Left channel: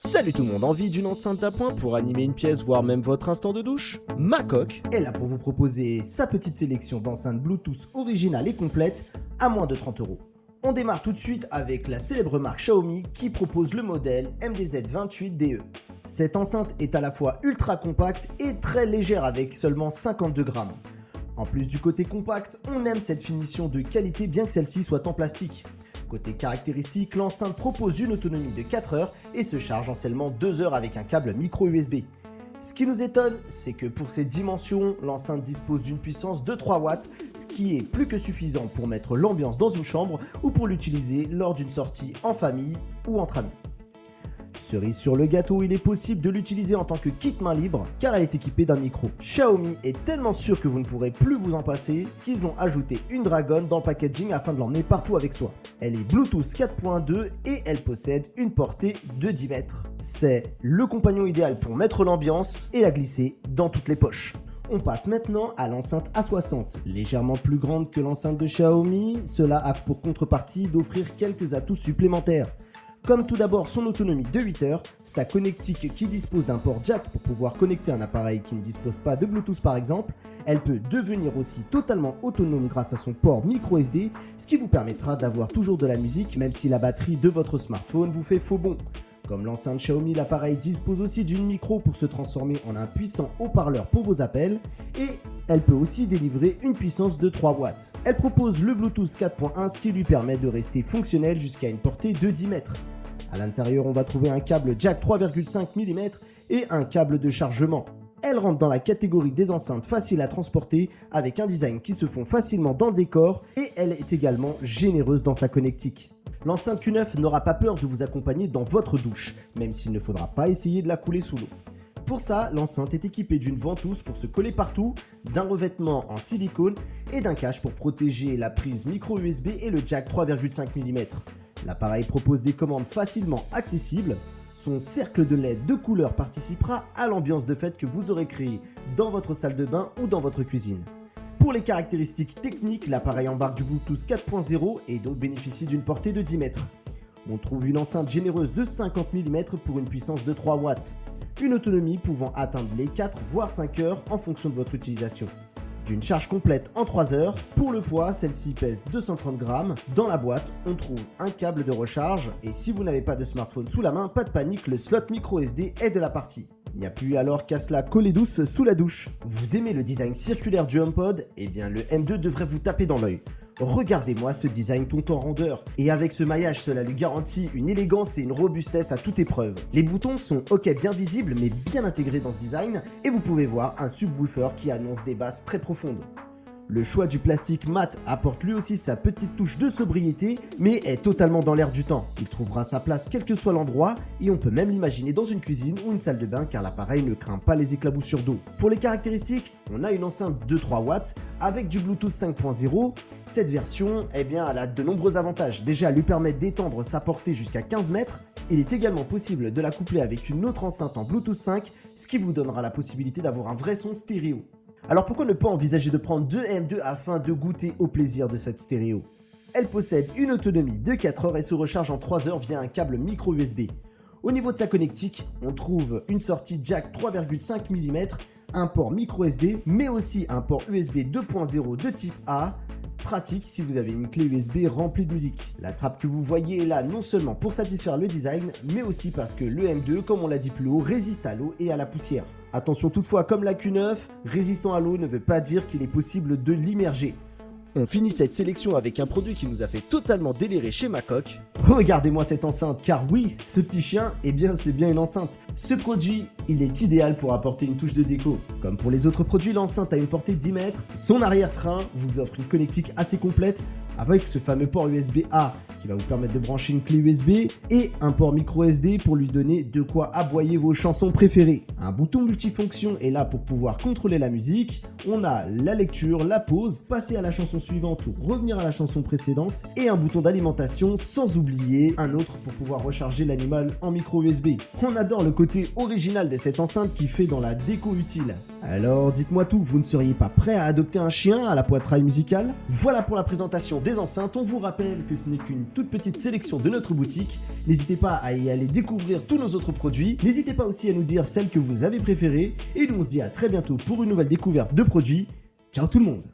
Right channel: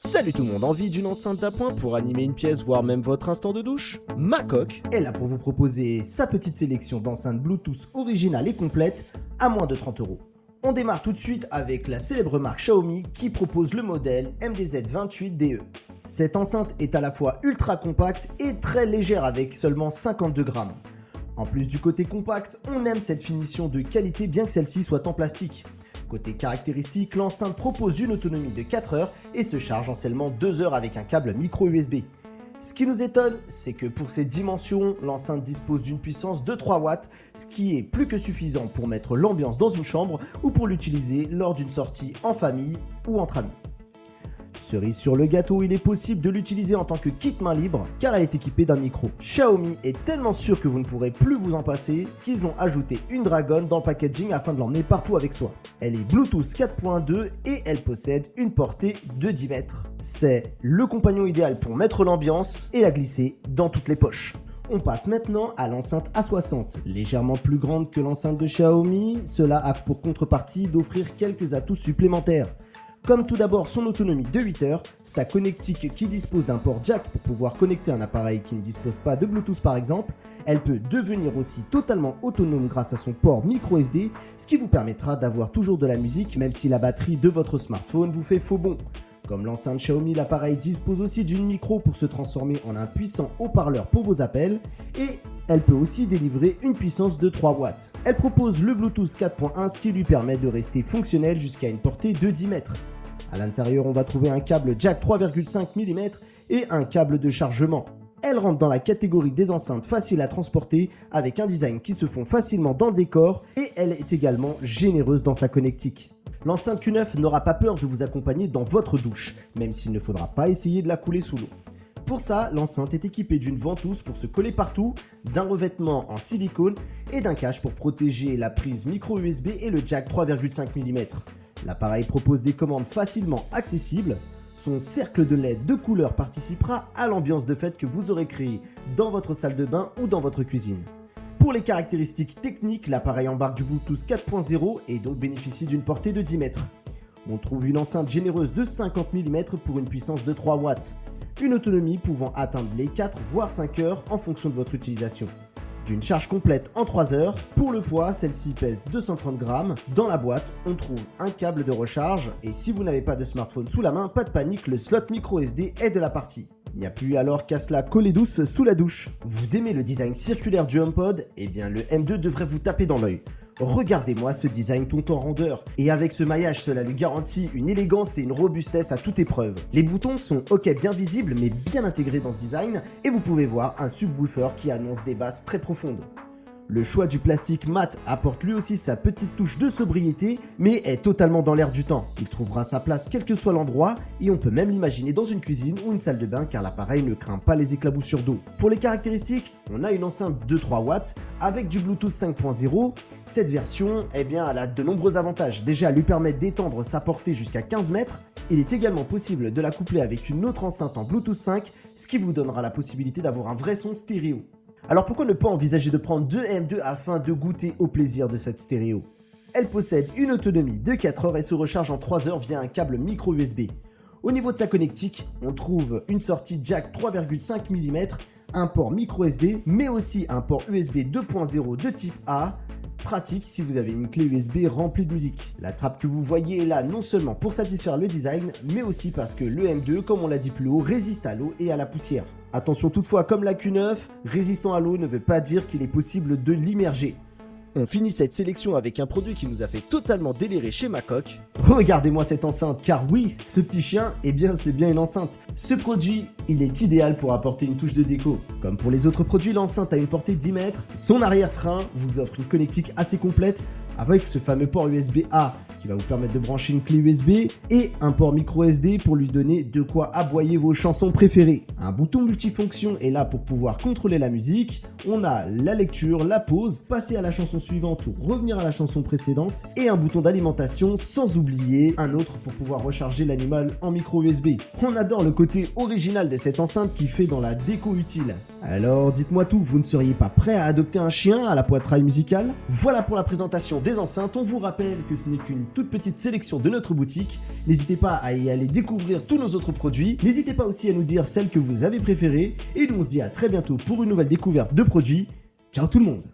Salut tout le monde, envie d'une enceinte d'appoint pour animer une pièce, voire même votre instant de douche? Macoq est là pour vous proposer sa petite sélection d'enceintes Bluetooth originales et complètes à moins de 30 euros. On démarre tout de suite avec la célèbre marque Xiaomi qui propose le modèle MDZ28DE. Cette enceinte est à la fois ultra compacte et très légère avec seulement 52 grammes. En plus du côté compact, on aime cette finition de qualité bien que celle-ci soit en plastique. Côté caractéristiques, l'enceinte propose une autonomie de 4 heures et se charge en seulement 2 heures avec un câble micro USB. Ce qui nous étonne, c'est que pour ses dimensions, l'enceinte dispose d'une puissance de 3 watts, ce qui est plus que suffisant pour mettre l'ambiance dans une chambre ou pour l'utiliser lors d'une sortie en famille ou entre amis. Cerise sur le gâteau, il est possible de l'utiliser en tant que kit main libre car elle est équipée d'un micro. Xiaomi est tellement sûr que vous ne pourrez plus vous en passer qu'ils ont ajouté une dragonne dans le packaging afin de l'emmener partout avec soi. Elle est Bluetooth 4.2 et elle possède une portée de 10 mètres. C'est le compagnon idéal pour mettre l'ambiance et la glisser dans toutes les poches. On passe maintenant à l'enceinte A60. Légèrement plus grande que l'enceinte de Xiaomi, cela a pour contrepartie d'offrir quelques atouts supplémentaires. Comme tout d'abord son autonomie de 8 heures, sa connectique qui dispose d'un port jack pour pouvoir connecter un appareil qui ne dispose pas de Bluetooth par exemple, elle peut devenir aussi totalement autonome grâce à son port micro SD, ce qui vous permettra d'avoir toujours de la musique même si la batterie de votre smartphone vous fait faux bond. Comme l'enceinte Xiaomi, l'appareil dispose aussi d'une micro pour se transformer en un puissant haut-parleur pour vos appels et elle peut aussi délivrer une puissance de 3 watts. Elle propose le Bluetooth 4.1, ce qui lui permet de rester fonctionnel jusqu'à une portée de 10 mètres. À l'intérieur, on va trouver un câble jack 3,5 mm et un câble de chargement. Elle rentre dans la catégorie des enceintes faciles à transporter avec un design qui se fond facilement dans le décor et elle est également généreuse dans sa connectique. L'enceinte Q9 n'aura pas peur de vous accompagner dans votre douche, même s'il ne faudra pas essayer de la couler sous l'eau. Pour ça, l'enceinte est équipée d'une ventouse pour se coller partout, d'un revêtement en silicone et d'un cache pour protéger la prise micro USB et le jack 3,5 mm. L'appareil propose des commandes facilement accessibles. Son cercle de LED de couleur participera à l'ambiance de fête que vous aurez créée dans votre salle de bain ou dans votre cuisine. Pour les caractéristiques techniques, l'appareil embarque du Bluetooth 4.0 et donc bénéficie d'une portée de 10 mètres. On trouve une enceinte généreuse de 50 mm pour une puissance de 3 watts. Une autonomie pouvant atteindre les 4 voire 5 heures en fonction de votre utilisation. D'une charge complète en 3 heures, pour le poids, celle-ci pèse 230 grammes. Dans la boîte, on trouve un câble de recharge et si vous n'avez pas de smartphone sous la main, pas de panique, le slot micro SD est de la partie. Il n'y a plus alors qu'à se la coller douce sous la douche. Vous aimez le design circulaire du HomePod? Eh bien le M2 devrait vous taper dans l'œil. Regardez-moi ce design tout en rondeur. Et avec ce maillage, cela lui garantit une élégance et une robustesse à toute épreuve. Les boutons sont ok bien visibles mais bien intégrés dans ce design et vous pouvez voir un subwoofer qui annonce des basses très profondes. Le choix du plastique mat apporte lui aussi sa petite touche de sobriété, mais est totalement dans l'air du temps. Il trouvera sa place quel que soit l'endroit, et on peut même l'imaginer dans une cuisine ou une salle de bain car l'appareil ne craint pas les éclaboussures d'eau. Pour les caractéristiques, on a une enceinte de 3 watts avec du Bluetooth 5.0. Cette version, eh bien, elle a de nombreux avantages. Déjà, elle lui permet d'étendre sa portée jusqu'à 15 mètres. Il est également possible de la coupler avec une autre enceinte en Bluetooth 5, ce qui vous donnera la possibilité d'avoir un vrai son stéréo. Alors pourquoi ne pas envisager de prendre deux M2 afin de goûter au plaisir de cette stéréo? Elle possède une autonomie de 4 heures et se recharge en 3 heures via un câble micro USB. Au niveau de sa connectique, on trouve une sortie jack 3,5 mm, un port micro SD, mais aussi un port USB 2.0 de type A, pratique si vous avez une clé USB remplie de musique. La trappe que vous voyez est là non seulement pour satisfaire le design, mais aussi parce que le M2, comme on l'a dit plus haut, résiste à l'eau et à la poussière. Attention toutefois, comme la Q9, résistant à l'eau ne veut pas dire qu'il est possible de l'immerger. On finit cette sélection avec un produit qui nous a fait totalement délirer chez Macoq. Regardez-moi cette enceinte, car oui, ce petit chien, eh bien c'est bien une enceinte. Ce produit, il est idéal pour apporter une touche de déco. Comme pour les autres produits, l'enceinte a une portée de 10 mètres. Son arrière-train vous offre une connectique assez complète avec ce fameux port USB-A qui va vous permettre de brancher une clé USB et un port micro SD pour lui donner de quoi aboyer vos chansons préférées. Un bouton multifonction est là pour pouvoir contrôler la musique. on a la lecture, la pause, passer à la chanson suivante ou revenir à la chanson précédente et un bouton d'alimentation, sans oublier un autre pour pouvoir recharger l'animal en micro USB. On adore le côté original de cette enceinte qui fait dans la déco utile. Alors dites-moi tout, vous ne seriez pas prêt à adopter un chien à la poitrail musicale? Voilà pour la présentation des enceintes. On vous rappelle que ce n'est qu'une toute petite sélection de notre boutique. N'hésitez pas à y aller découvrir tous nos autres produits. N'hésitez pas aussi à nous dire celles que vous avez préférées. Et nous on se dit à très bientôt pour une nouvelle découverte de produits. Ciao tout le monde!